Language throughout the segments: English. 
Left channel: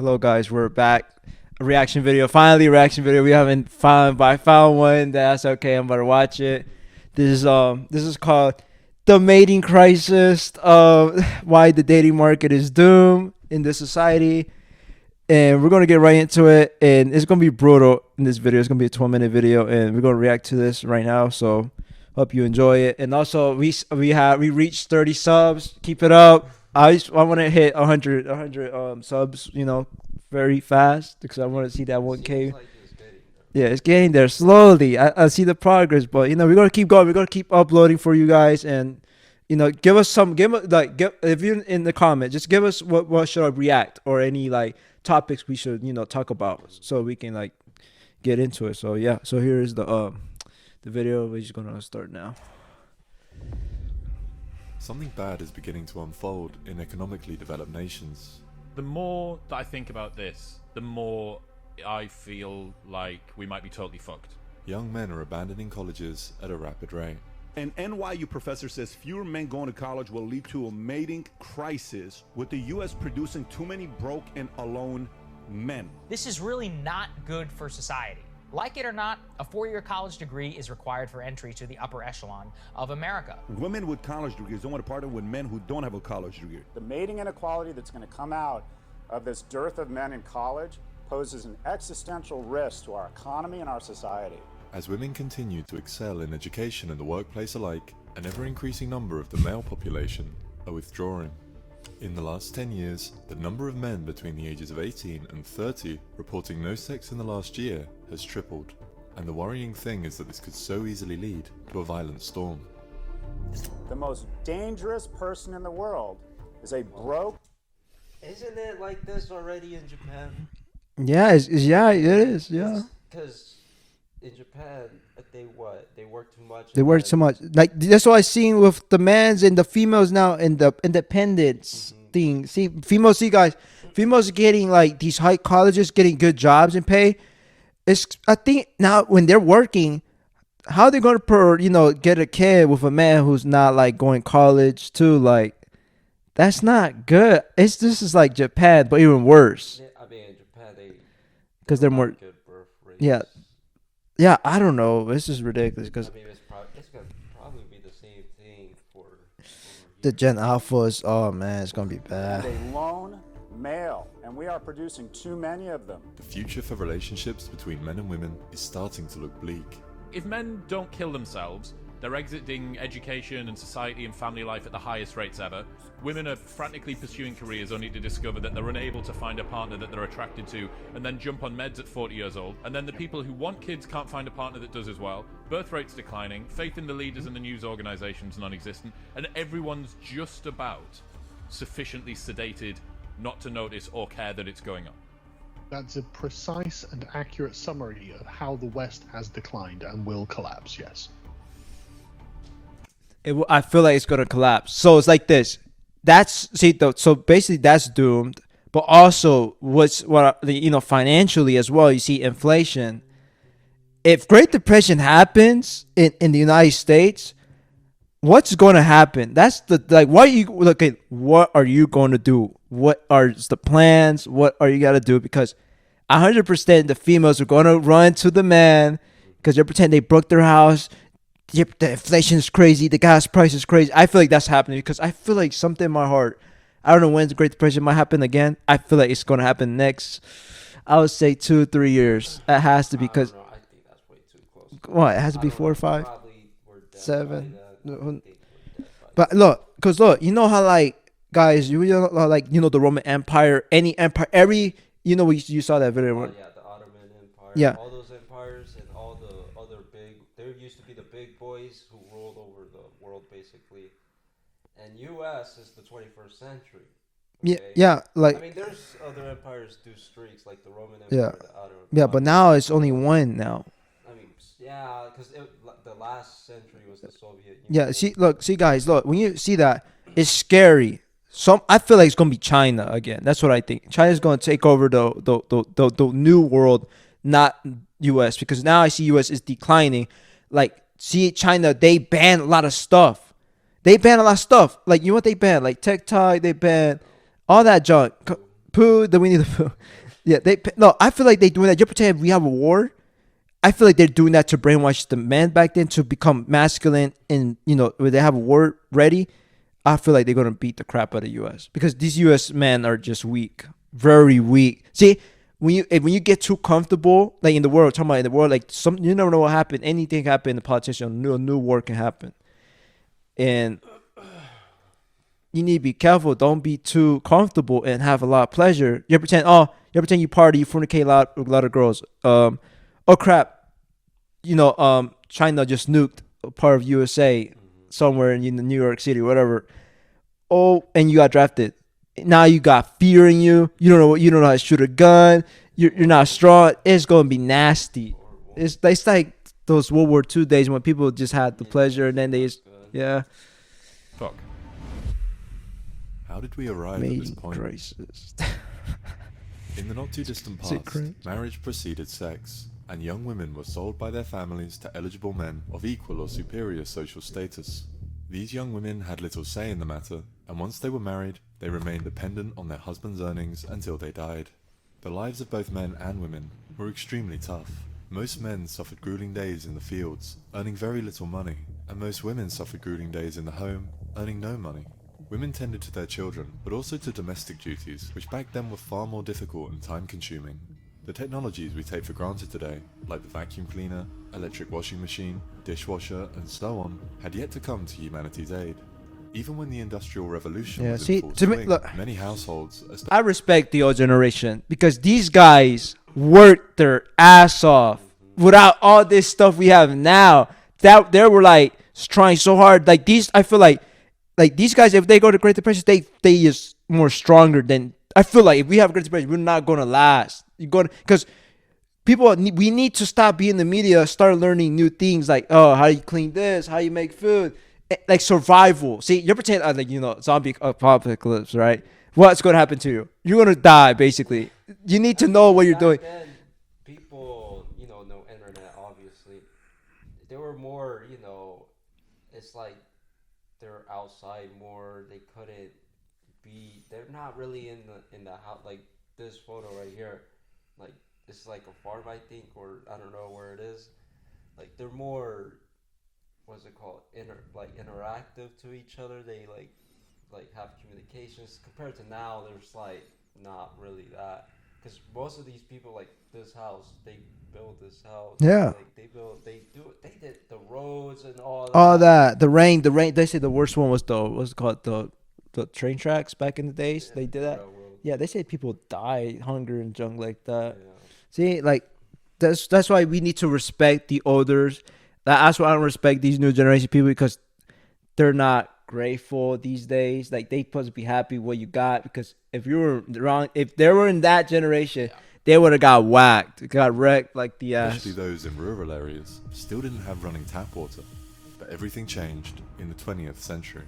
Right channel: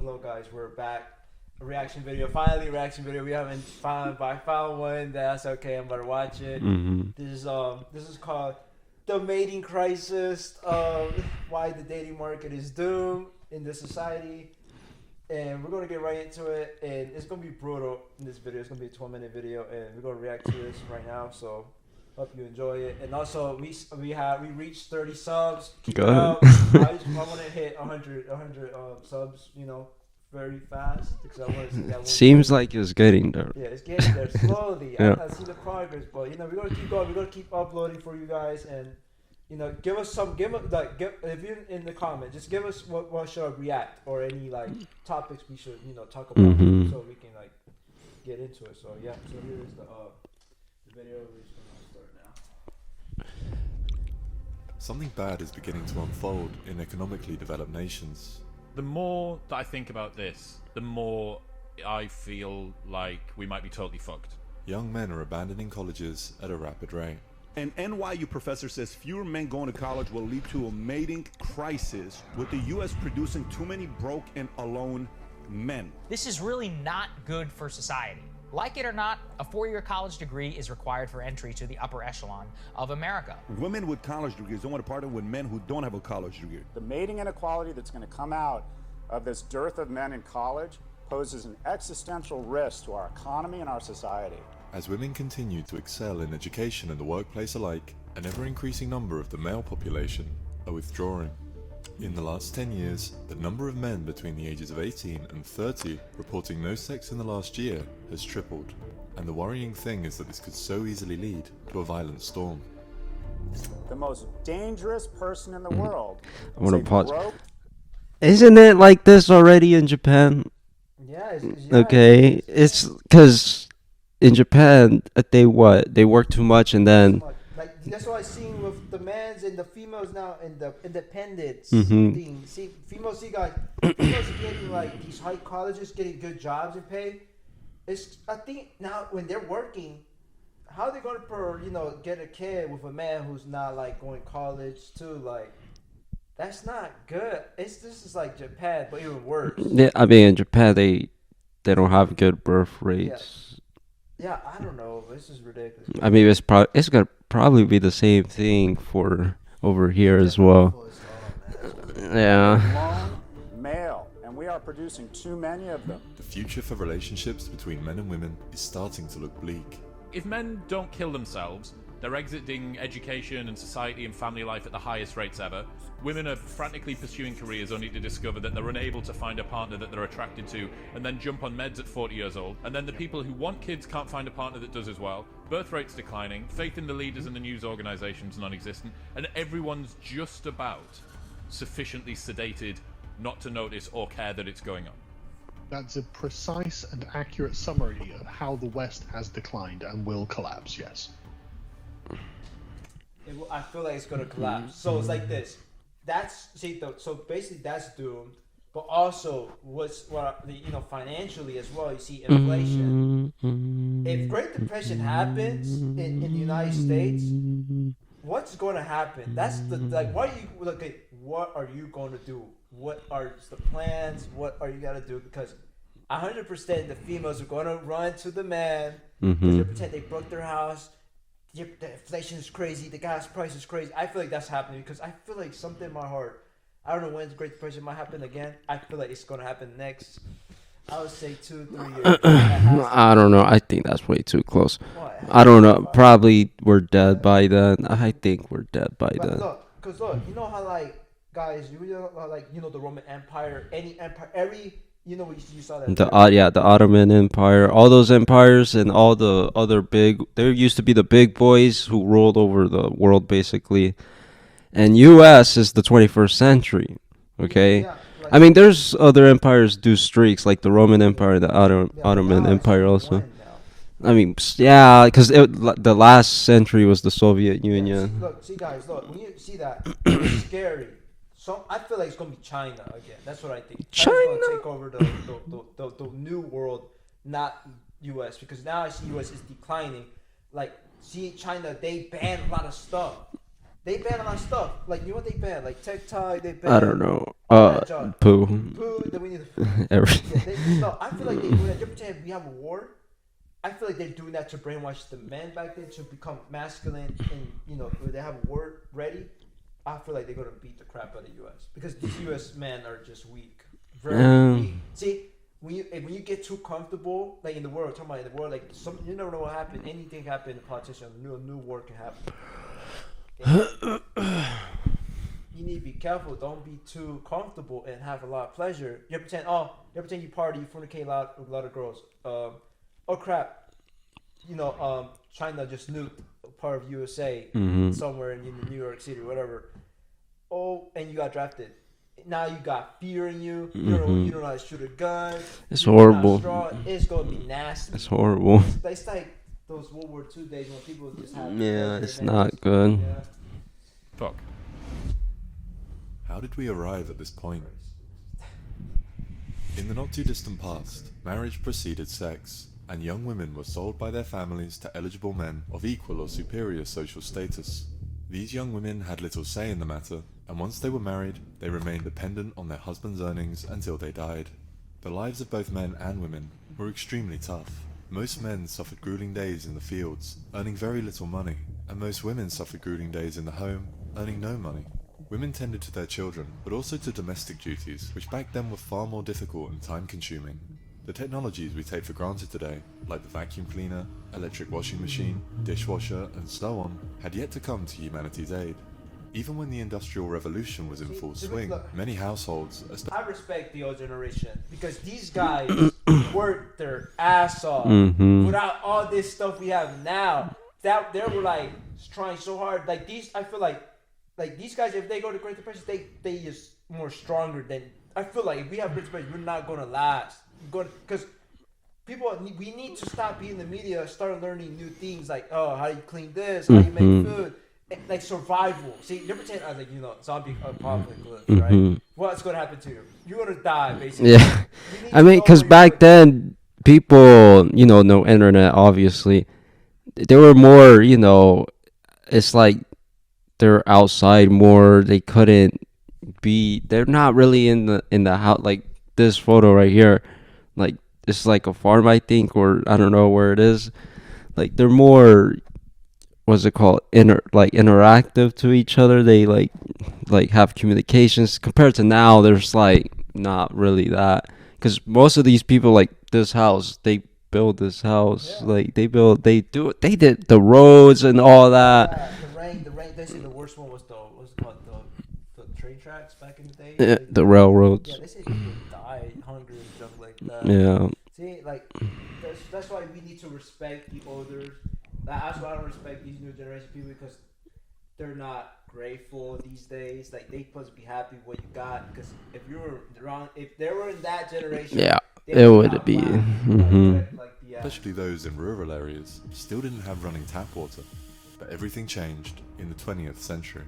Hello guys, we're back. A reaction video. Finally a reaction video. We haven't found, but I found one. That's okay. I'm about to watch it. This is called The Mating Crisis. Why the dating market is doomed in this society. And we're gonna get right into it. And it's gonna be brutal in this video. It's gonna be a 12-minute video, and we're gonna react to this right now. So hope you enjoy it. And also we reached 30 subs. Keep it up. I want to hit 100 subs, very fast, because I want to see that one. Seems like it's getting there. Yeah, it's getting there slowly. Yeah. I see the progress, but we're gonna keep going. We're gonna keep uploading for you guys, and give us if you're in the comment, just give us what should I react, or any topics we should talk about, so we can get into it. So yeah, so here is the video. We're just gonna start now. Something bad is beginning to unfold in economically developed nations. The more that I think about this, the more I feel like we might be totally fucked. Young men are abandoning colleges at a rapid rate. An NYU professor says fewer men going to college will lead to a mating crisis, with the U.S. producing too many broke and alone men. This is really not good for society. Like it or not, a 4-year college degree is required for entry to the upper echelon of America. Women with college degrees don't want to partner with men who don't have a college degree. The mating inequality that's going to come out of this dearth of men in college poses an existential risk to our economy and our society. As women continue to excel in education and the workplace alike, an ever-increasing number of the male population are withdrawing. In the last 10 years, the number of men between the ages of 18 and 30 reporting no sex in the last year has tripled. And the worrying thing is that this could so easily lead to a violent storm. The most dangerous person in the world I is want a to pause. broke. Isn't it like this already in Japan? Yeah, Okay, it is, yeah. it's because in Japan they work too much, and They work then so much. That's what I seen with the mans and the females now in the independence thing. See, females getting these high colleges, getting good jobs and pay. I think now when they're working, how they gonna get a kid with a man who's not going college too? That's not good. This is like Japan, but even worse. yeah, I mean in Japan they don't they're have more- good birth rates. Yeah, I don't know. This is ridiculous. I mean it's gonna probably be the same thing for over here the as Gen well. Alphas, oh man, it's gonna be bad. Yeah. Lone male, and we are producing too many of them. The future for relationships between men and women is starting to look bleak. If men don't kill themselves, they're exiting education and society and family life at the highest rates ever. Women are frantically pursuing careers only to discover that they're unable to find a partner that they're attracted to, and then jump on meds at 40 years old. And then the people who want kids can't find a partner that does as well. Birth rates declining, faith in the leaders and the news organizations non-existent, and everyone's just about sufficiently sedated not to notice or care that it's going on. That's a precise and accurate summary of how the West has declined and will collapse, yes. I feel like it's gonna collapse. So it's like this. So basically that's doomed. But also, financially as well, you see inflation. If Great Depression happens in the United States, what's going to happen? That's what are you going to do? What are the plans? What are you got to do? Because 100% the females are going to run to the man because they pretend they broke their house. The inflation is crazy. The gas price is crazy. I feel like that's happening because I feel like something in my heart. I don't know when the Great Depression might happen again. I feel like it's going to happen next. I would say 2-3 years. It has to be. I don't know. I think that's way too close. What? It has to I be don't 4 or know. 5? Probably we're dead 7. by then. I think we're dead by But then. look, you know how guys, the Roman Empire, any empire, you saw that video. The Ottoman Empire, Yeah. all those empires and all the other there used to be the big boys who ruled over the world basically. And US is the 21st century. Okay. Yeah. I mean, there's other empires do streaks like the Roman Empire, the Ottoman but now Empire it's only also. one now. I mean, yeah, because the last century was the Soviet Union. Yeah. See, guys, when you see that, it's scary. I feel like it's gonna be China again. That's what I think. China's gonna take over the new world, not US, because now I see US is declining. See China, they ban a lot of stuff. They ban a lot of stuff. Like, you know what they ban? Like TikTok, they ban I don't know. all that junk. Poo. Then we need to poo. Everything. Yeah, no, I feel like they doing that. You pretend we have a war. I feel like they're doing that to brainwash the men back then to become masculine, and when they have a war ready, I feel like they're gonna beat the crap out of the U.S. because these U.S. men are just weak, very weak. See, when you get too comfortable, like in the world, talking about in the world, like you never know what happened. Anything can happen. The politician, a new war can happen, and you need to be careful. Don't be too comfortable and have a lot of pleasure. You pretend you party, you fornicate a lot of girls. Oh crap, China just nuked a part of USA somewhere in New York City, whatever. Oh, and you got drafted. Now you got fear in you. You don't know how to shoot a gun. You're not strong. It's gonna be nasty. It's horrible. It's like those World War II days when people just had the pleasure and then they just good. Yeah. Fuck. How did we arrive at this point? In the not too distant past, marriage preceded sex, and young women were sold by their families to eligible men of equal or superior social status. These young women had little say in the matter, and once they were married, they remained dependent on their husband's earnings until they died. The lives of both men and women were extremely tough. Most men suffered grueling days in the fields, earning very little money, and most women suffered grueling days in the home, earning no money. Women tended to their children, but also to domestic duties, which back then were far more difficult and time-consuming. The technologies we take for granted today, like the vacuum cleaner, electric washing machine, dishwasher, and so on, had yet to come to humanity's aid. Even when the Industrial Revolution was in full swing, many households... I respect the old generation because these guys worked their ass off without all this stuff we have now. That they were like trying so hard. Like these, I feel like these guys, if they go to Great Depression, they is more stronger than... I feel like if we have Great Depression, we're not gonna last. Because we need to stop being in the media, start learning new things like, how you clean this, how you make food, like survival. See, you're pretending zombie apocalypse, right? What's gonna happen to you? You're gonna die, basically. Yeah. You need to know what you're back doing. then, people, no internet, obviously. They were more, it's like they're outside more. They couldn't be. They're not really in the house. Like this photo right here. Like it's like a farm, I think, or I don't know where it is. Like they're more, what's it called, interactive to each other. They like have communications. Compared to now, there's like not really that, because most of these people, like this house, they build this house. Yeah. Like they did the roads and all that. The rain. They say the worst one was what's it called, the train tracks back in the day. Yeah, the railroads. Yeah, they say people die hungry and junk like that. Yeah. See, like that's why we need to respect the elders. That's why I don't respect these new generation people, because they're not grateful these days. Like they supposed to be happy what you got, because if you were wrong, if they were in that generation, they would have got whacked, got wrecked like the ass. Especially those in rural areas still didn't have running tap water. But everything changed in the 20th century.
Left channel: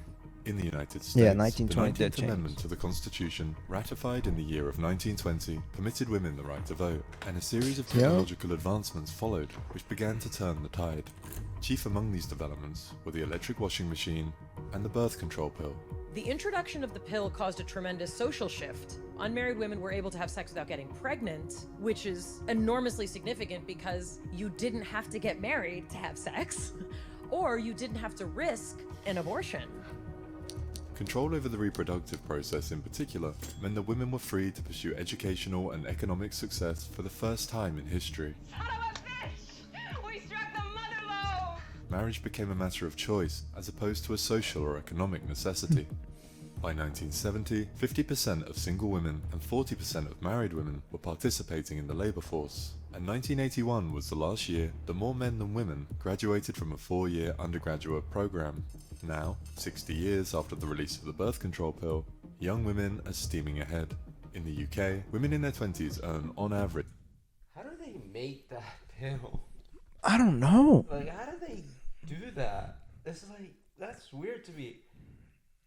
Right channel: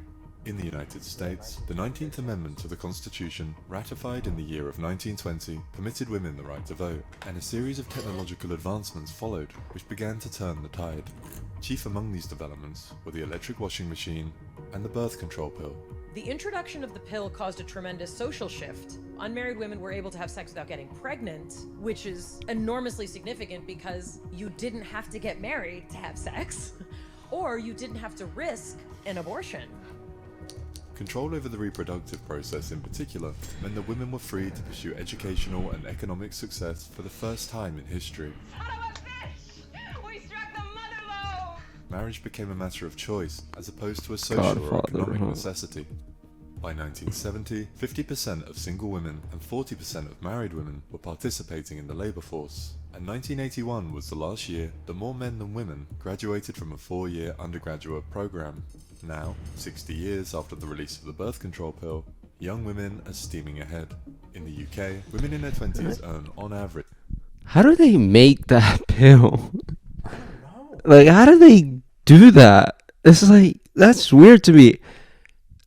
In the United States, the 19th Amendment to the Constitution, ratified in the year of 1920, permitted women the right to vote, and a series of technological advancements followed, which began to turn the tide. Chief among these developments were the electric washing machine and the birth control pill. The introduction of the pill caused a tremendous social shift. Unmarried women were able to have sex without getting pregnant, which is enormously significant because you didn't have to get married to have sex, or you didn't have to risk an abortion. Control over the reproductive process in particular meant that women were free to pursue educational and economic success for the first time in history. Son of a bitch! We struck the mother lode! Marriage became a matter of choice as opposed to a social or economic necessity. By 1970, 50% of single women and 40% of married women were participating in the labor force, and 1981 was the last year that more men than women graduated from a 4-year undergraduate program. Now, 60 years after the release of the birth control pill, young women are steaming ahead. In the UK, women in their 20s earn, on average... How do they make that pill? I don't know. Like, how do they do that? It's like, that's weird to me.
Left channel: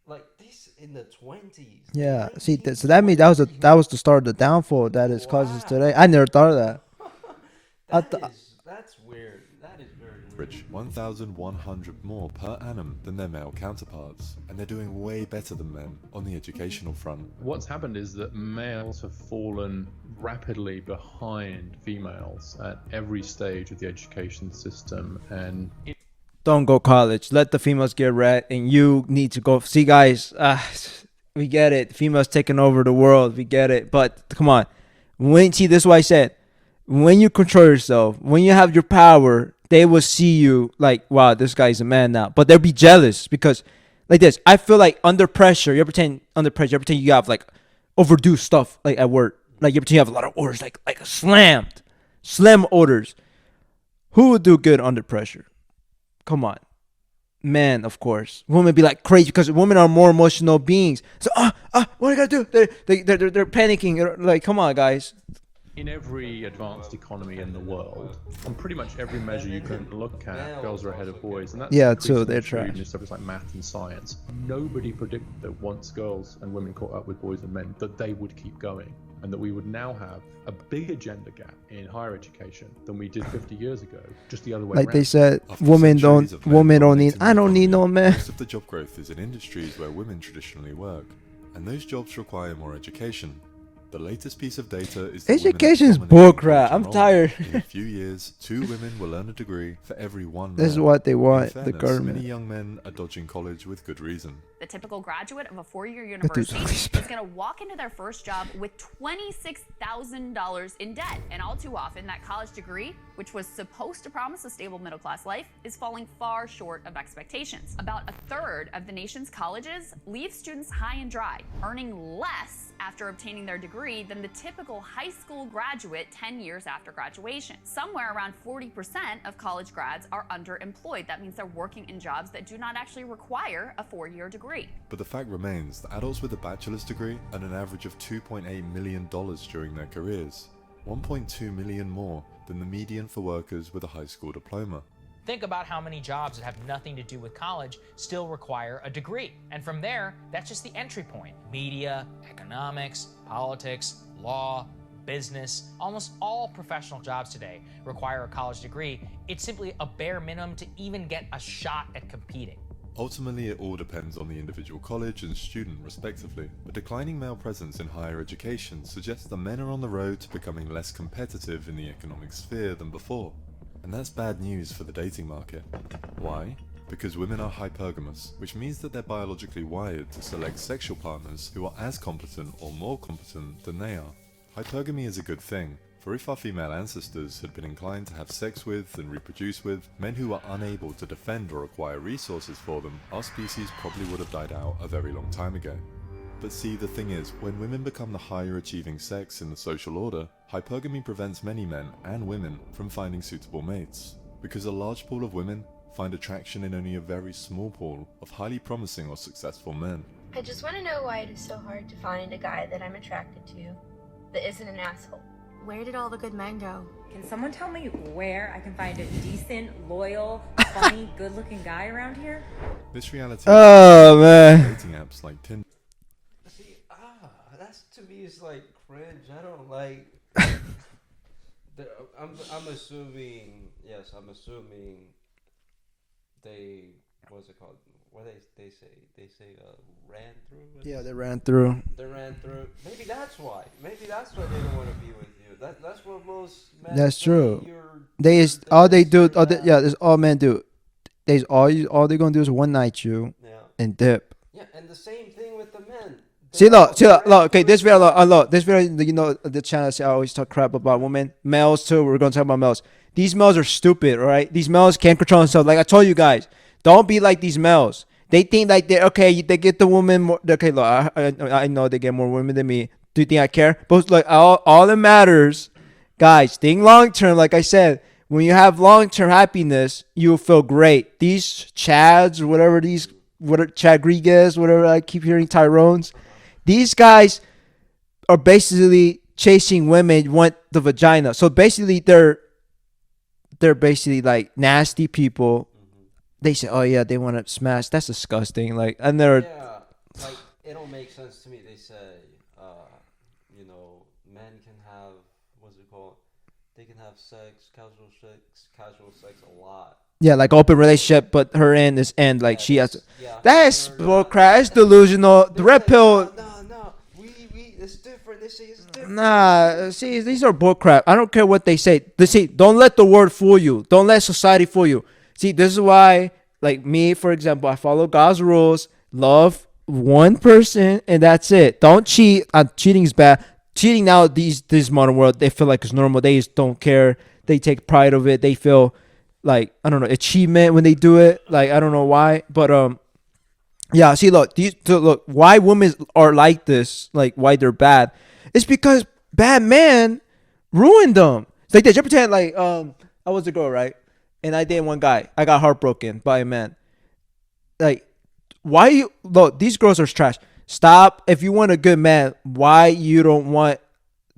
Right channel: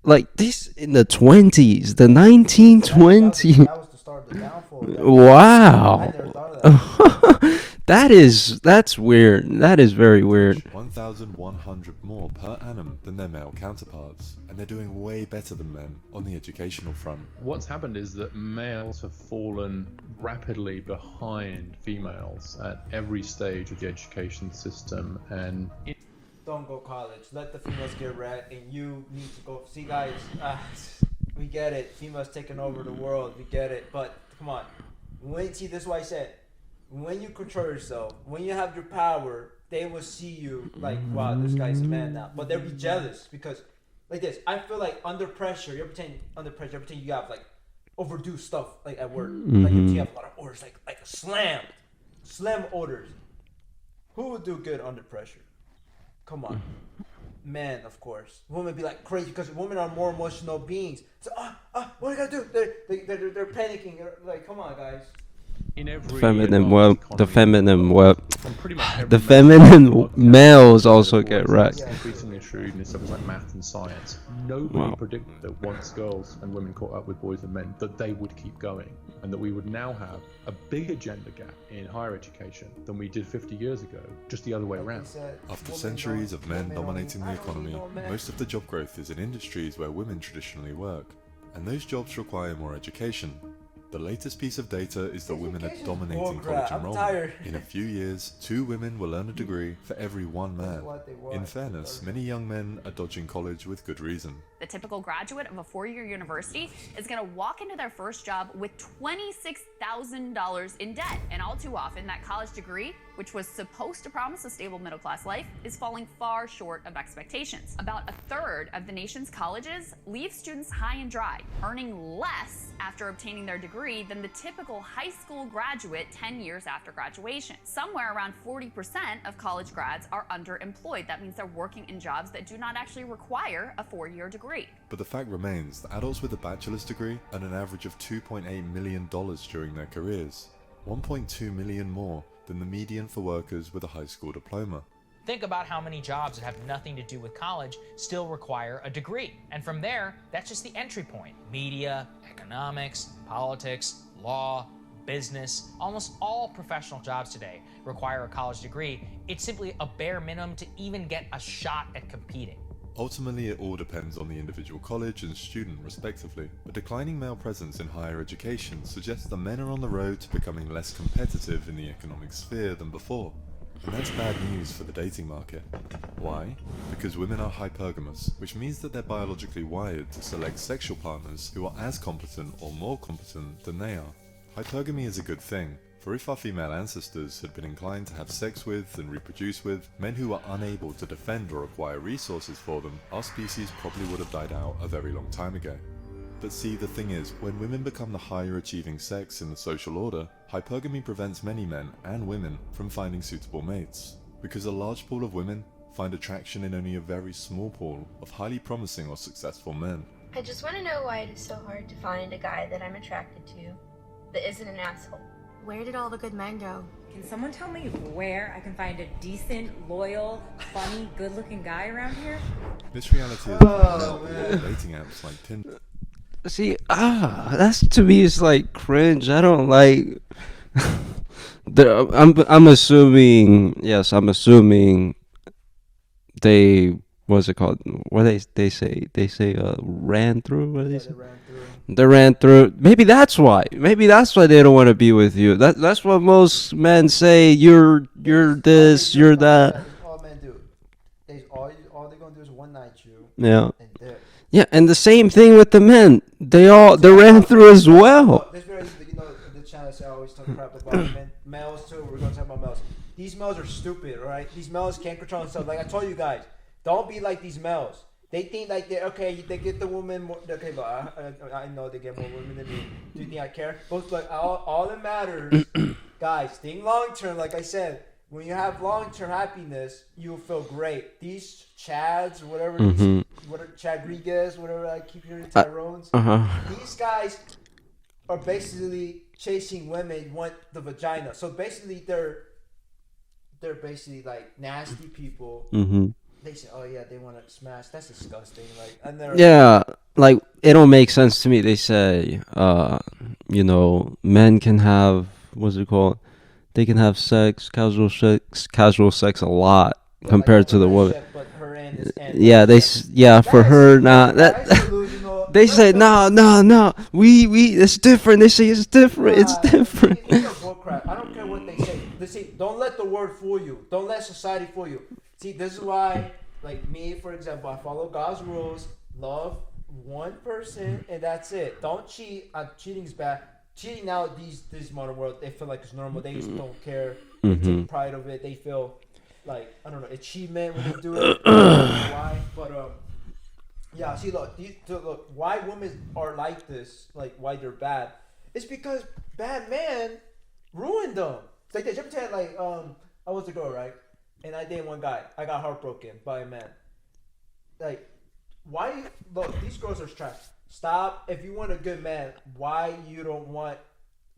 Like, this in the 20s, the 1920s. That was the start of the downfall. Wow. I never thought of that. That's weird. That is very weird. 1,100 more per annum than their male counterparts, and they're doing way better than men on the educational front. What's happened is that males have fallen rapidly behind females at every stage of the education system, and Don't go college. Let the females get red, and you need to go. See, guys, we get it. Females taking over the world. We get it. But come on. This is what I said. When you control yourself, when you have your power, they will see you like, wow, this guy's a man now. But they'll be jealous because, like this, I feel like under pressure, you pretend you have like overdue stuff like at work. Like you pretend you have a lot of orders, like slam orders. Who would do good under pressure? Come on. Men, of course. Women be like crazy because women are more emotional beings. So, what do I gotta do? They're panicking. Like, come on, guys. in every feminine pretty much every the feminine males also boys get wrecked. Yeah, so they're trained trash. in stuff like math and science. Nobody predicted that once girls and women caught up with boys and men, that they would keep going, and that we would now have a bigger gender gap in higher education than we did 50 years ago, just the other way Like around. they said, After women centuries don't of men need. dominating the I don't need no economy, man. Most of the job growth is in industries where women traditionally work, and those jobs require more education. The latest piece of data is that Education is women are dominating bullcrap. college I'm enrollment. tired. In a few years, 2 women will earn a degree for every 1 man. This is what they want, In the fairness, government. many young men are dodging college with good reason. The typical graduate of a 4-year university is going to walk into their first job with $26,000 in debt. And all too often, that college degree, which was supposed to promise a stable middle-class life, is falling far short of expectations. About a third of the nation's colleges leave students high and dry, earning less after obtaining their degree than the typical high school graduate 10 years after graduation. Somewhere around 40% of college grads are underemployed. That means they're working in jobs that do not actually require a 4-year degree. But the fact remains that adults with a bachelor's degree earn an average of $2.8 million during their careers, 1.2 million more than the median for workers with a high school diploma. Think about how many jobs that have nothing to do with college still require a degree. And from there, that's just the entry point. Media, economics, politics, law, business, almost all professional jobs today require a college degree. It's simply a bare minimum to even get a shot at competing. Ultimately, it all depends on the individual college and student respectively. A declining male presence in higher education suggests that men are on the road to becoming less competitive in the economic sphere than before. And that's bad news for the dating market. Why? Because women are hypergamous, which means that they're biologically wired to select sexual partners who are as competent or more competent than they are. Hypergamy is a good thing, for if our female ancestors had been inclined to have sex with and reproduce with men who are unable to defend or acquire resources for them, our species probably would have died out a very long time ago. But see, the thing is, when women become the higher achieving sex in the social order, hypergamy prevents many men and women from finding suitable mates, because a large pool of women find attraction in only a very small pool of highly promising or successful men. I just want to know why it is so hard to find a guy that I'm attracted to that isn't an asshole. Where did all the good men go? Can someone tell me where I can find a decent, loyal, funny, good-looking guy around here? This reality Oh, man. dating apps like Tinder. See, that's to me is like cringe. I don't like. I'm assuming. Yes, I'm assuming. They what's it called? What they say ran through. What Yeah, they ran through. They ran through. Maybe that's why. Maybe that's why they don't want to be with you. That's what most men That's say. true. You're this. All they do, You're that. yeah, that's all men do. All they're gonna do is one night you Yeah. and dip. Yeah, and the same thing with the men. They See, all look, they ran through as well. Look, this video, you know, the channel I always talk crap about women, males too. We're gonna talk about males. These males are stupid, all right? These males can't control themselves. Like I told you guys, don't be like these males. They think like they okay. They get the woman more. Okay, look, I know they get more women than me. Do you think I care? But like all that matters, guys. Think long term. Like I said, when you have long term happiness, you'll feel great. These Chads, or whatever these, Chadriguez, whatever I keep hearing Tyrones. These guys are basically chasing women want the vagina. So basically, they're basically like nasty people. They say, "Oh yeah, they want to smash." That's disgusting. Like, and they're like it don't make sense to me. They say, men can have what's it called? they can have casual sex a lot. Yeah, like compared to open the relationship, but her end is end. Like yeah, she has, for her not. That's delusional. They Red say pill- no. We it's different. They say it's different. Nah, It's different. see, these are bullcrap. I don't care what they say. See, don't let the word fool you. Don't let society fool you. See, this is why, like me, for example, I follow God's rules. Love one person, and that's it. Don't cheat. Cheating is bad. Cheating now, this modern world, they feel like it's normal. They just don't care. They take pride of it. They feel like, I don't know, achievement when they do it. Like, I don't know why, but yeah. See, look, look, why women are like this, like why they're bad, it's because bad men ruined them. It's like this. You pretend like I was a girl, right? And I dated one guy. I got heartbroken by a man. Like, why you look? These girls are trash. Stop. If you want a good man, why you don't want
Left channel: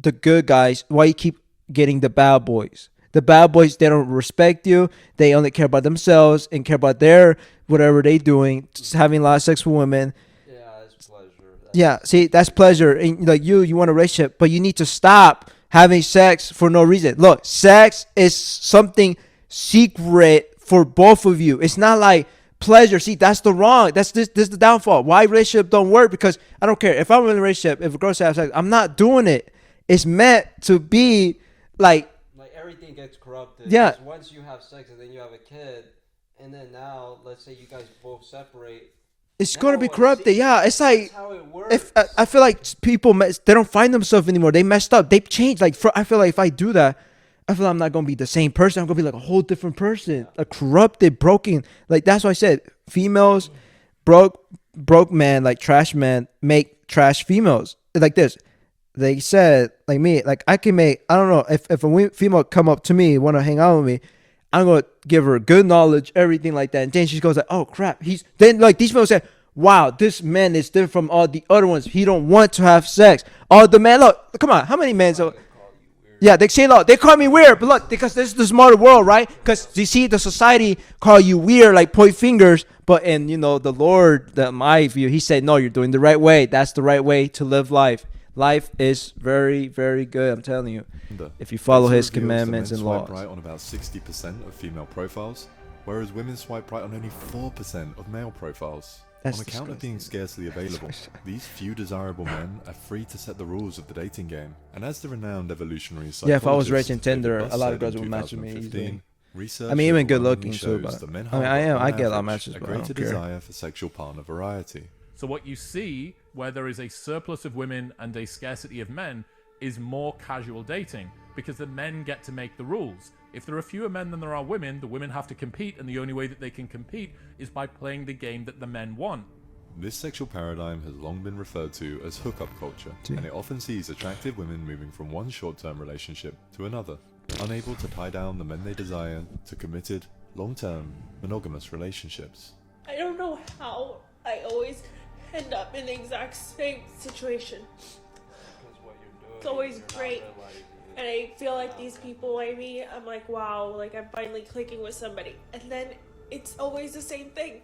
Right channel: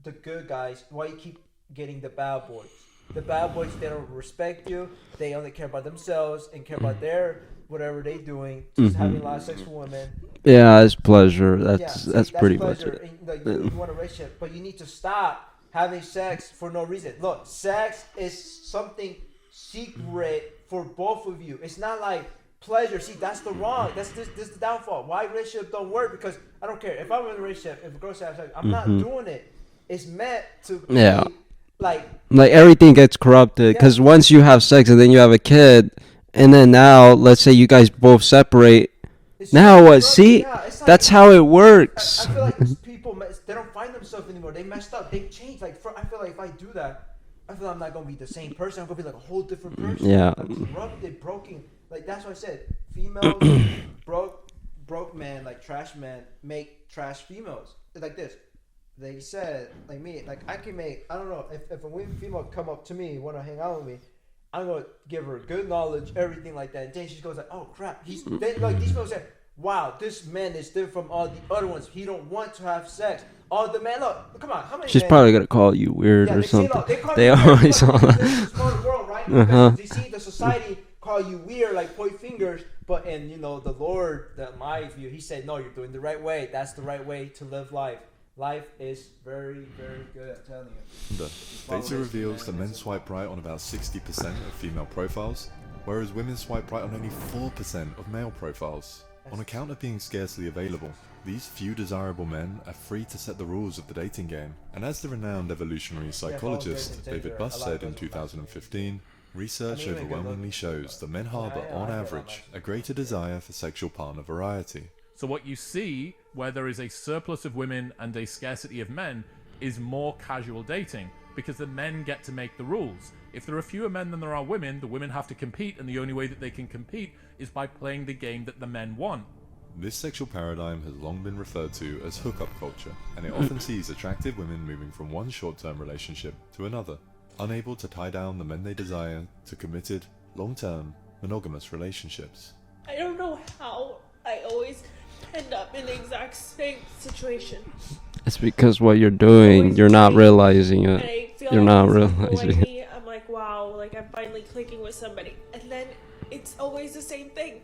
the good guys? Why you keep getting the bad boys? The bad boys, they don't respect you. They only care about themselves and care about their whatever they doing. Just having a lot of sex with women. Yeah, it's pleasure. That's pleasure. And like you want a relationship, but you need to stop having sex for no reason. Look, sex is something secret for both of you. It's not like pleasure. See, that's the wrong. This is the downfall. Why relationship don't work? Because I don't care if I'm in a relationship. If a girl says sex, I'm not doing it. It's meant to be like everything gets corrupted because once you have sex and then you have a kid, and then now let's say you guys both separate. It's now what? corrupted. See, yeah, it's like, that's how it works. I feel like people they don't find themselves anymore. They messed up. They've changed. Like I feel like if I do that, I feel like I'm not gonna be the same person. I'm gonna be like a whole different person. Yeah, like corrupted, broken. Like that's why I said females, broke man, like trash men make trash females. Like this. They said, like me, like I can make, I don't know, if a female come up to me, want to hang out with me, I'm going to give her good knowledge, everything like that. And then she goes like, oh crap. Then like these females say, wow, this man is different from all the other ones. He don't want to have sex. Oh, the man, look, come on. How many men? She's probably going to call you weird. Yeah, they say, look, they call me weird. Look, because this is the smarter world, right? Because you see the society call you weird, like point fingers. But in, the Lord, my view, he said, no, you're doing the right way. That's the right way to live life. Life is very, very good. I'm telling you. If you follow his commandments and laws. Men swipe right on about 60% of female profiles, whereas women swipe right on only 4% of male profiles. On account of being scarcely available, these few desirable men are free to set the rules of the dating game. And as the renowned evolutionary psychologist if I was raising Tinder, David Buss a lot of said girls in would match with me. 2015, research even good overwhelmingly looking shows that men harbor, I on get a lot of average, matches, a but I greater don't care. desire for sexual partner variety. So what you see, where there is a surplus of women and a scarcity of men, is more casual dating, because the men get to make the rules. If there are fewer men than there are women, the women have to compete, and the only way that they can compete is by playing the game that the men want. This sexual paradigm has long been referred to as hookup culture, and it often sees attractive women moving from one short-term relationship to another, unable to tie down the men they desire to committed, long-term, monogamous relationships. I don't know how I always end up in the exact same situation. It's because what you're doing, you're not realizing it. And I feel you're like not these people realizing like it. me, I'm like, wow, like I'm finally clicking with somebody. And then it's always the same thing.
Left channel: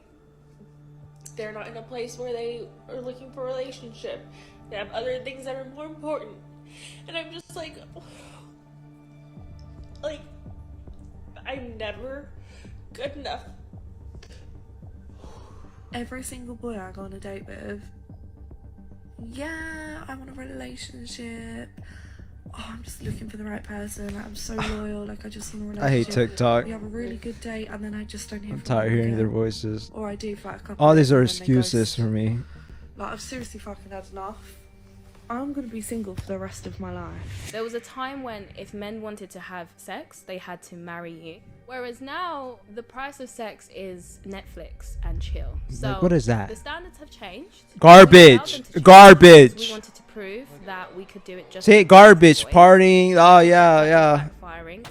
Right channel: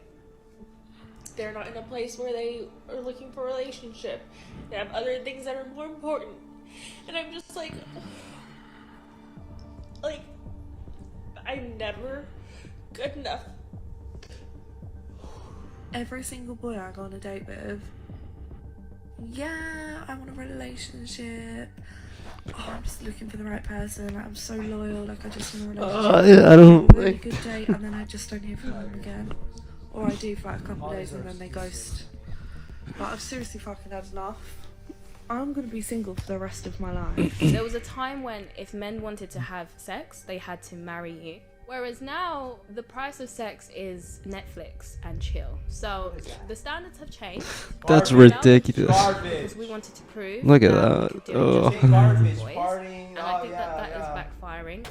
They're not in a place where they are looking for a relationship. They have other things that are more important. And I'm just like I'm never good enough. Every single boy I go on a date with, yeah, I want a relationship. Oh, I'm just looking for the right person. Like, I'm so loyal. Like, I just want a relationship. I don't. A really good date, and then I just don't hear from them Tired hearing again. their voices. Or I do for like a couple. All days these are and then they excuses ghost. for me. Like, I've seriously fucking had enough. I'm gonna be single for the rest of my life. There was a time when if men wanted to have sex, they had to marry you. Whereas now, the price of sex is Netflix and chill. So what is that? The standards have changed. Garbage. Garbage. We wanted to prove Look at that we that. could do it just Say with garbage. boys. Partying. Oh, yeah, That yeah. is backfiring.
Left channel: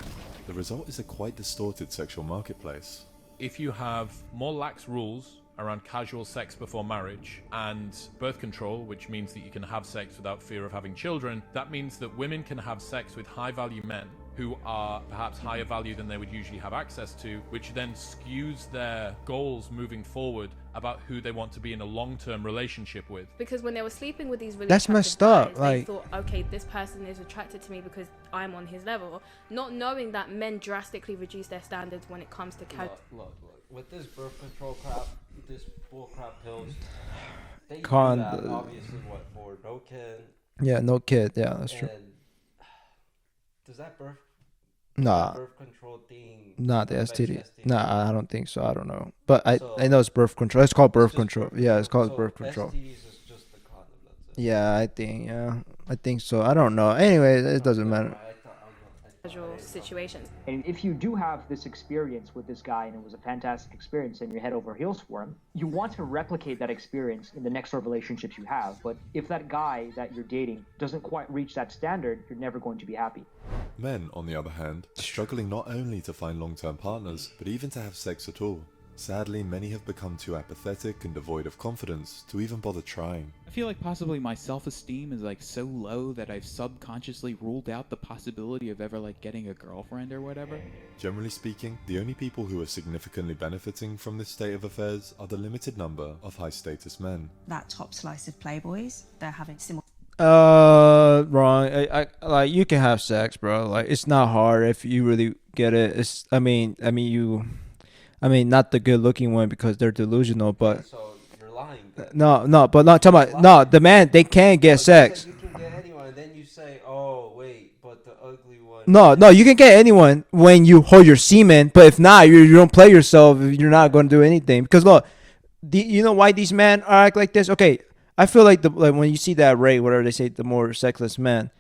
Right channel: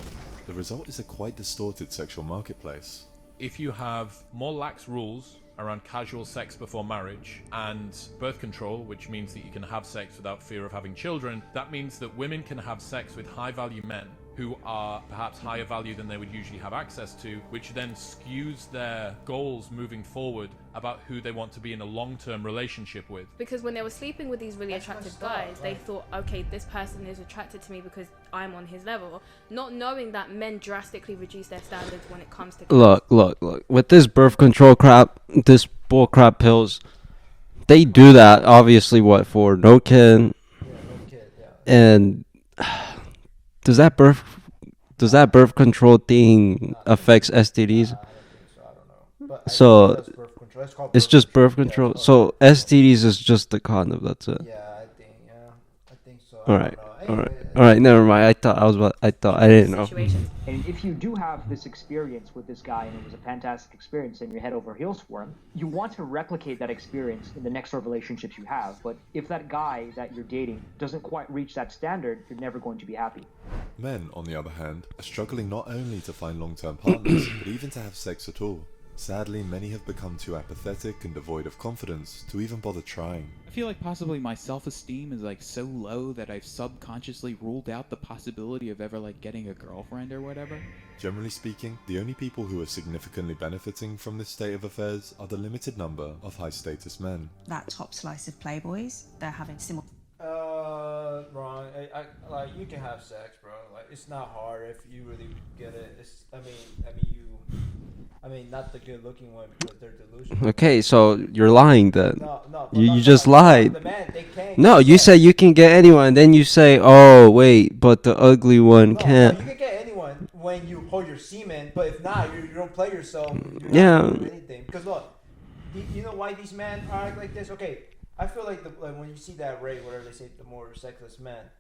The result is a quite distorted sexual marketplace. If you have more lax rules around casual sex before marriage and birth control, which means that you can have sex without fear of having children, that means that women can have sex with high-value men who are perhaps higher value than they would usually have access to, which then skews their goals moving forward about who they want to be in a long-term relationship with. Because when they were sleeping with these really That's attractive messed up, guys, like- they thought, okay, this person is attracted to me because I'm on his level, not knowing that men drastically reduce their standards when it comes to Look. With this birth control crap, this bull crap pills, they do that obviously. What for? No kid. Yeah, no kid. Yeah. And does that birth control thing Not the affects STD. STDs? Nah, I don't think so. I don't know. But I So know it's birth control. It's called birth It's just control. birth Yeah, it's control. called So birth control. STDs is just the condom. That's it. Yeah, I think. Yeah, I think so. I All don't right. know. Anyway, it All right, doesn't never matter. mind. I thought I didn't know. Situations. And if you do have this experience with this guy and it was a fantastic experience and you're head over heels for him, you want to replicate that experience in the next sort of relationships you have. But if that guy that you're dating doesn't quite reach that standard, you're never going to be happy. Men, on the other hand, are struggling not only to find long-term partners, but even to have sex at all. Sadly, many have become too apathetic and devoid of confidence to even bother trying. I feel like possibly my self-esteem is like so low that I've subconsciously ruled out the possibility of ever like getting a girlfriend or whatever. Generally speaking, the only people who are significantly benefiting from this state of affairs are the limited number of high-status men. That top slice of playboys, they're having similar. Wrong. I like you can have sex, bro. Like it's not hard if you really get it. It's I mean not the good looking one because they're delusional. Okay, but so you're lying then. No, but you not just lied. No, the man they can't get No, sex. you said you can get anyone, and then you say, "Oh, wait, but the ugly one." No, can't. you can get anyone when you hold your semen, but if not, you don't play yourself. You're not Yeah. going to do anything because look, you know why these men are act like this? Okay, I feel like when you see that rate, whatever they say, the more sexless men,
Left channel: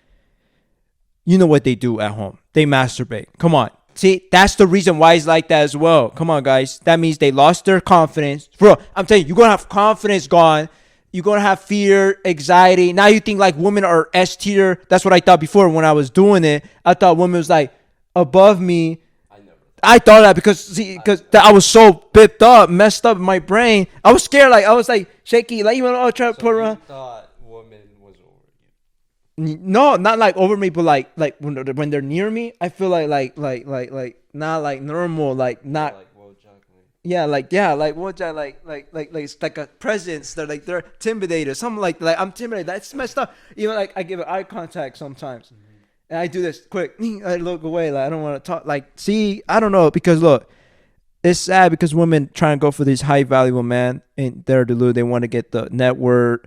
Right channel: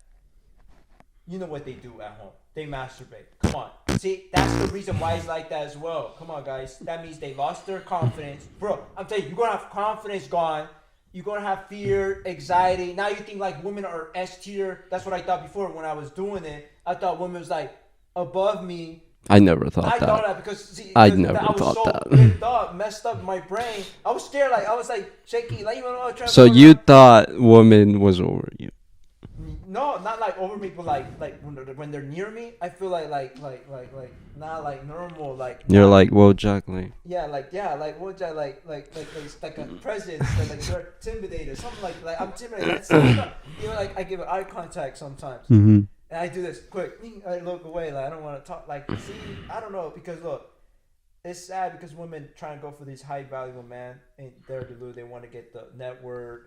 you know what they do at home? They masturbate. Come on, see, that's the reason why it's like that as well. Come on, guys, that means they lost their confidence, bro. I'm telling you, you're gonna have confidence gone. You're gonna have fear, anxiety. Now you think like women are S tier. That's what I thought before when I was doing it. I thought women was like above me. I never thought. I that. thought that because I was so bipped up, messed up in my brain. I was scared. Like I was like shaky. Like even trying to. So go you around. thought woman was over you? No, not like over me, but like when they're near me, I feel like not like normal. Like You're not, like, whoa, Jacqueline. yeah, like what like it's like a presence. They're intimidated. Something like I'm intimidated. That's stuff. You know, like I give it eye contact sometimes. Mhm. And I do this quick. I look away. Like I don't want to talk. Like, see, I don't know because look, it's sad because women try and go for these high valuable men and they're deluded. They want to get the net worth.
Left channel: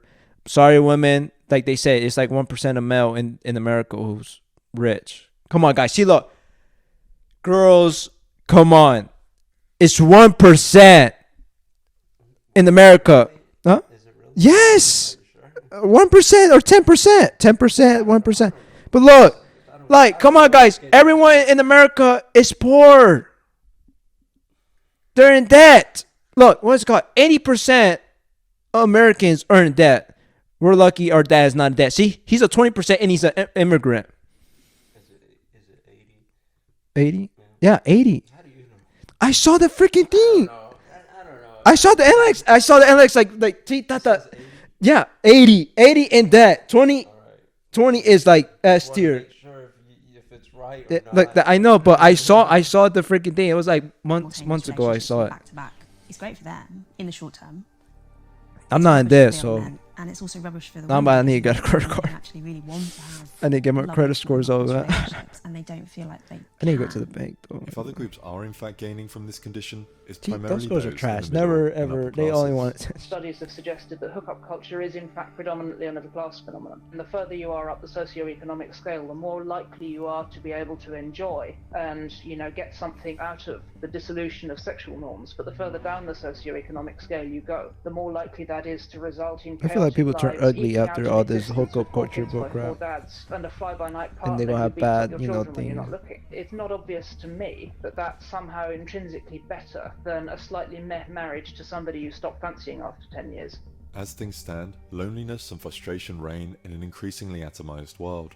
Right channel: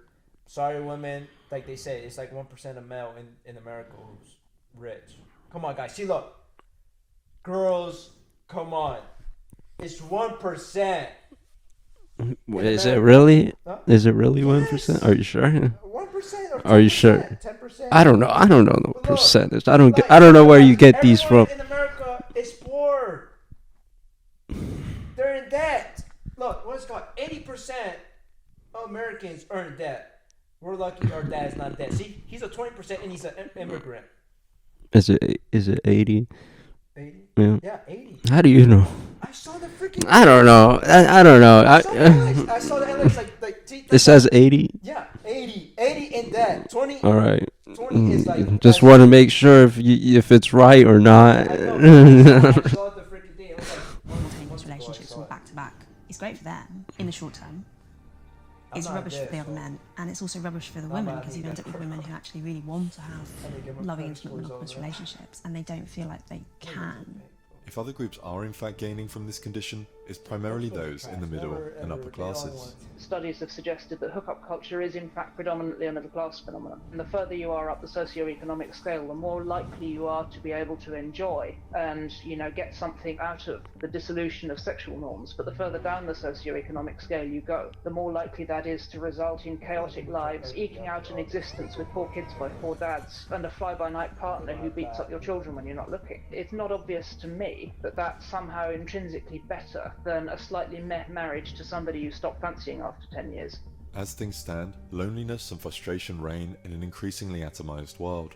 Sorry, women. Like they say, it's like 1% of male in America who's rich. Come on, guys. See, look, girls, come on. It's 1% in America. Is it really? Huh? Is it really? Yes. 1%? Are you sure? 1% or 10%. 10%. I don't know. 1%. I don't know. But look, percentage. I don't. like, I don't come know on, where guys. you get Everyone these from. in America is poor. They're in debt. Look, what's it called? 80% of Americans are in debt. We're lucky our dad is not in debt. See, he's a 20% and he's an immigrant. Is it 80? 80? Yeah. Yeah, 80. How do you know? I saw the freaking thing. I don't know. I don't know. I saw the NX. I saw the NX like see, It says 80. Yeah, 80. 80 in debt. 20. All right. 20 is like Just S want to tier. make sure if it's right or not. Like, I know, but I saw the freaking thing. It was like months ago. I saw it. Back to back. It's great for them in the short term. I'm It's not in rubbish debt, for the so other men, and it's also rubbish for the I'm women. about to need to because get a credit women card. Actually, really want to have. I need to get my loving, credit scores over monogamous that. relationships, and they don't feel like they. I need to go to can. the bank though. If other groups are in fact gaining from this condition, it's See, primarily those those girls are trash. in the middle Never and ever. upper They only classes. want. Studies have suggested that hookup culture is in fact predominantly a middle class phenomenon. And the further you are up the socioeconomic scale, the more likely you are to be able to enjoy and, get something out of the dissolution of sexual norms. But the further down the socioeconomic scale you go, the more likely that is to result in I feel like chaotic people turn lives, ugly eking out after an all this existence hookup with four culture kids by crap. four dads and a fly-by-night And they partner don't who have beats up bad, your children when you're not looking. It's not obvious to me that that's somehow intrinsically better than a slightly meh marriage to somebody you stop fancying after 10 years. As things stand, loneliness and frustration reign in an increasingly atomized world.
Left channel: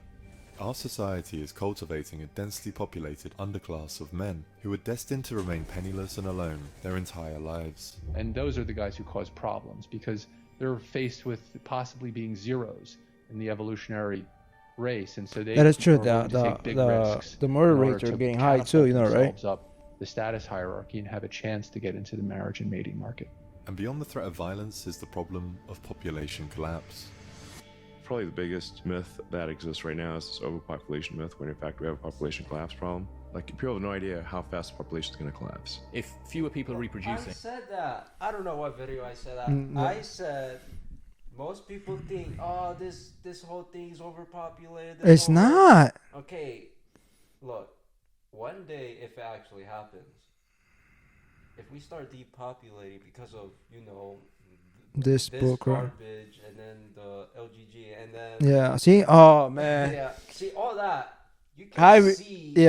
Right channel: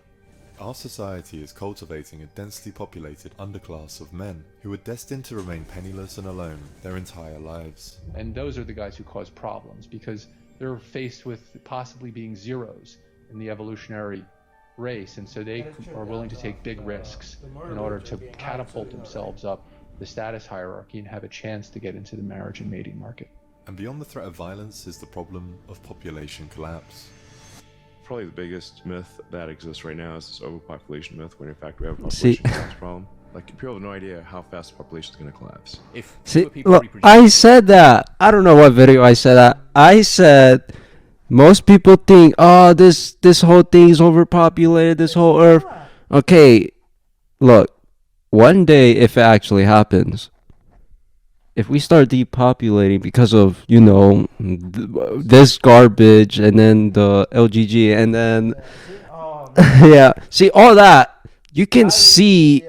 Our society is cultivating a densely populated underclass of men who are destined to remain penniless and alone their entire lives. And those are the guys who cause problems because they're faced with possibly being zeros in the evolutionary race, and so they That is true. are willing to take big risks The murder in order rates are to getting high catapult too, you know, right? themselves up the status hierarchy and have a chance to get into the marriage and mating market. And beyond the threat of violence is the problem of population collapse. Probably the biggest myth that exists right now is this overpopulation myth, when in fact we have a population collapse problem. Like, people have no idea how fast the population is going to collapse. If See, fewer people look, reproduce, I said that. I don't know what video I said that. I said most people think, oh, this whole thing is overpopulated. This It's whole not. earth. Okay, look, one day if it actually happens, if we start depopulating because of this garbage and then the LGG and then Yeah. See. Oh man. yeah, see all that, you can see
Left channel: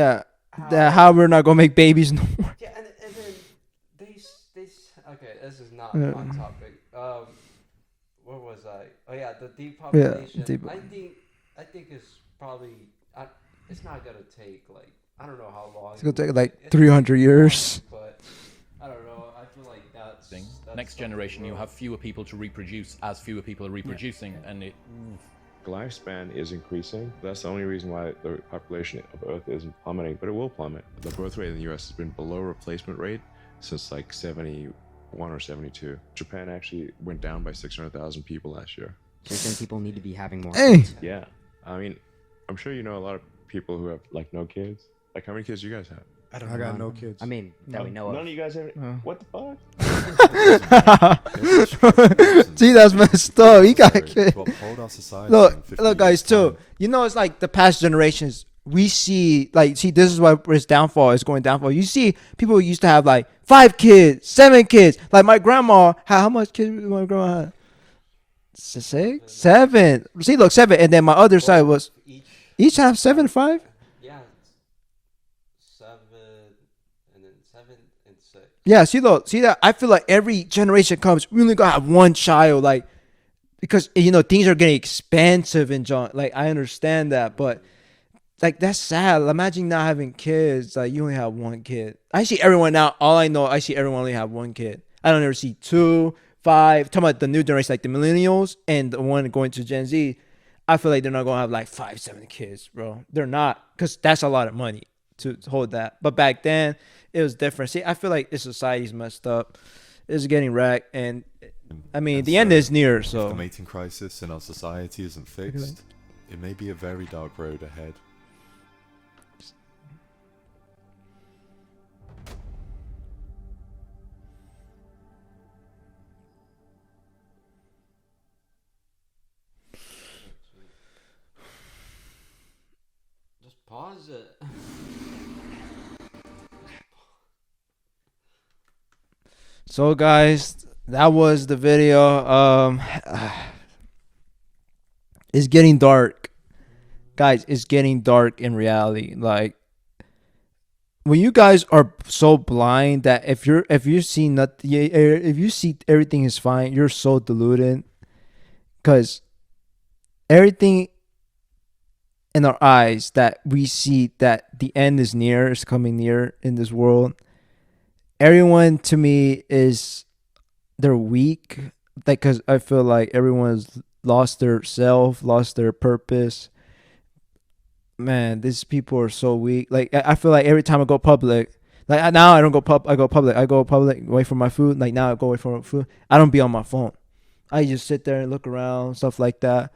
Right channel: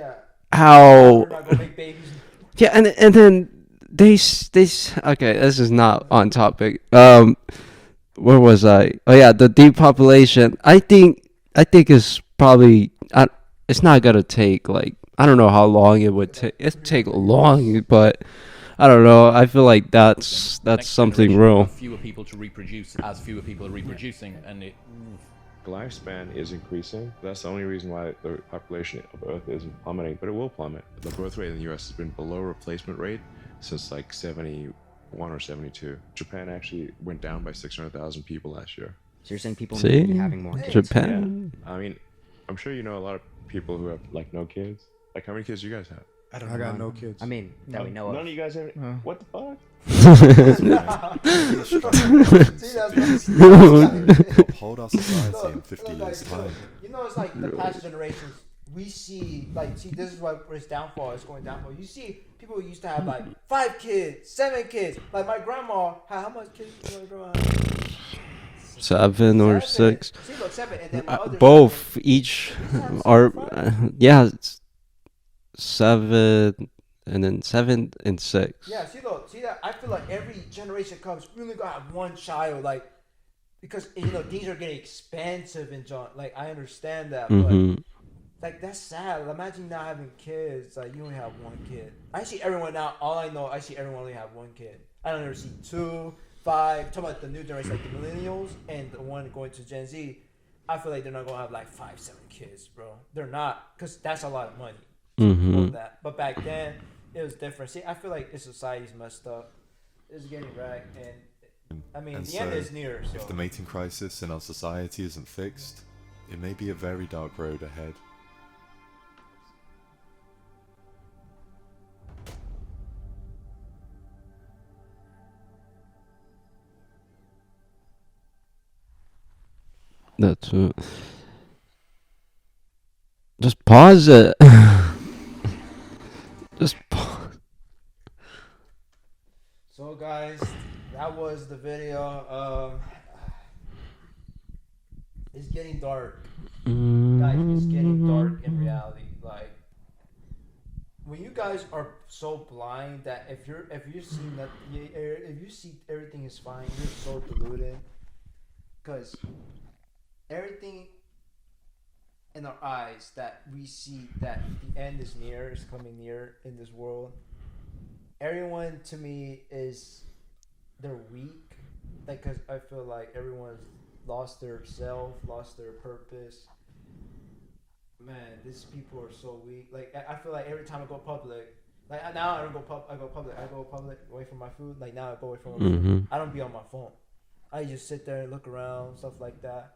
how we're not gonna make babies no more. yeah, and then they okay, this is not on topic. Where was I? Oh yeah, the depopulation. I think it's probably it's not gonna take like, I don't know how long it would take. It'd take 300 years. long, but I don't know. I feel like that's next something generation will real. have fewer people to reproduce as fewer people are reproducing, and it. Lifespan is increasing. That's the only reason why the population of Earth isn't plummeting, but it will plummet. The birth rate in the US has been below replacement rate since like 71 or 72. Japan actually went down by 600,000 people last year. So you're saying people See? need to be having more Hey. kids? Japan. Yeah. I mean, I'm sure you know a lot of people who have like no kids. Like, how many kids do you guys have? I don't I got no kids. I mean, that we know None of. of you guys have. What the fuck? See, that's messed up. You got Uphold our society in 50 look, guys. years' Too. time. You know, it's like the past generations. We see, this is why its downfall is going downfall. You see, people who used to have like 5 kids, 7 kids. Like my grandma, how much kids did my grandma have? 7 or 7. 6. See, look, 7, and then my other side was each have 7 or are- 5. Yeah, it's 7 and then 7 and 6. Yeah, see that I feel like every generation comes, we only gotta have one child, like, because things are getting expensive in John. Like, I understand that, but like, that's sad. Imagine not having kids. Like, you only have one kid. I see everyone now. All I know, I see everyone only have one kid. I don't ever see 2, 5. Talking about the new generation, like the millennials and the one going to Gen Z. I feel like they're not gonna have like 5, 7 kids, bro. They're not, because that's a lot of money to hold that. But back then, it was different. See, I feel like this society's messed up. It's getting wrecked, and I mean, And the end so, is near. If So the mating crisis in our society isn't fixed, it may be a very dark road ahead. That's it. Just pause it. Just pause. So guys, that was the video. It's getting dark. Guys, it's getting dark in reality. Like, when you guys are so blind that if you see nothing, if you see everything is fine, you're so deluded. Cause everything in our eyes that we see that the end is near, is coming near in this world. Everyone to me they're weak, like, because I feel like everyone's lost their self, lost their purpose. Man, these people are so weak. Like, I feel like every time I go public, like now I don't go I go public away from my food. Like, now I go away from my food. I don't be on my phone. I just sit there and look around, stuff like that.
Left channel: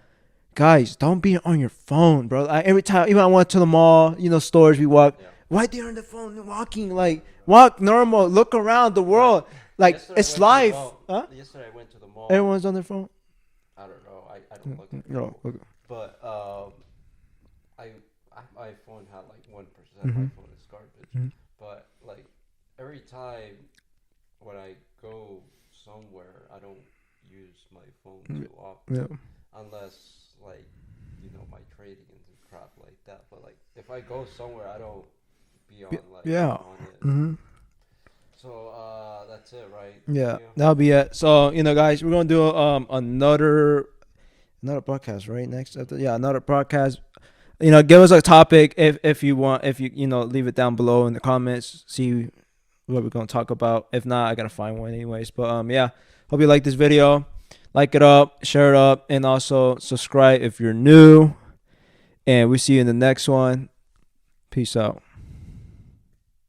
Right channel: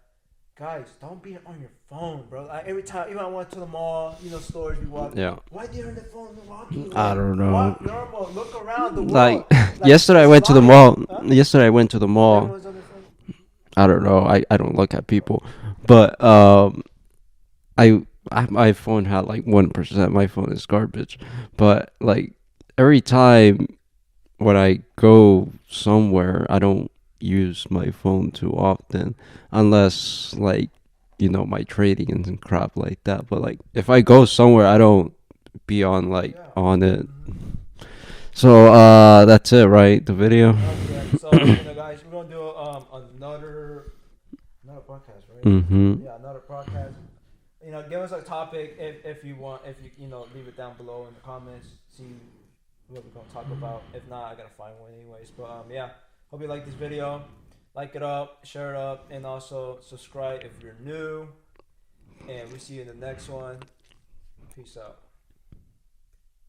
Guys, don't be on your phone, bro. Every time, even I went to the mall, stores we walk. Yeah. Why they on the phone walking? I Like, don't know. walk normal, look around the world. Like, yesterday I it's went to the life. mall. Huh? Yesterday I went to the mall. Everyone's on their phone. I don't know. I don't look at people, but my phone had like 1%. My phone is garbage, but like every time when I go somewhere, I don't use my phone too often, unless like my trading and crap like that. But like if I go somewhere, I don't be on on it. So that's it, right? The video. That'll be it. So guys, we're gonna do another podcast, right? Next another podcast. Give us a topic if you want. If you leave it down below in the comments. See what we're gonna talk about. If not, I gotta find one anyways. But yeah, hope you like this video. Like it up, share it up, and also subscribe if you're new. And we'll see you in the next one. Peace out.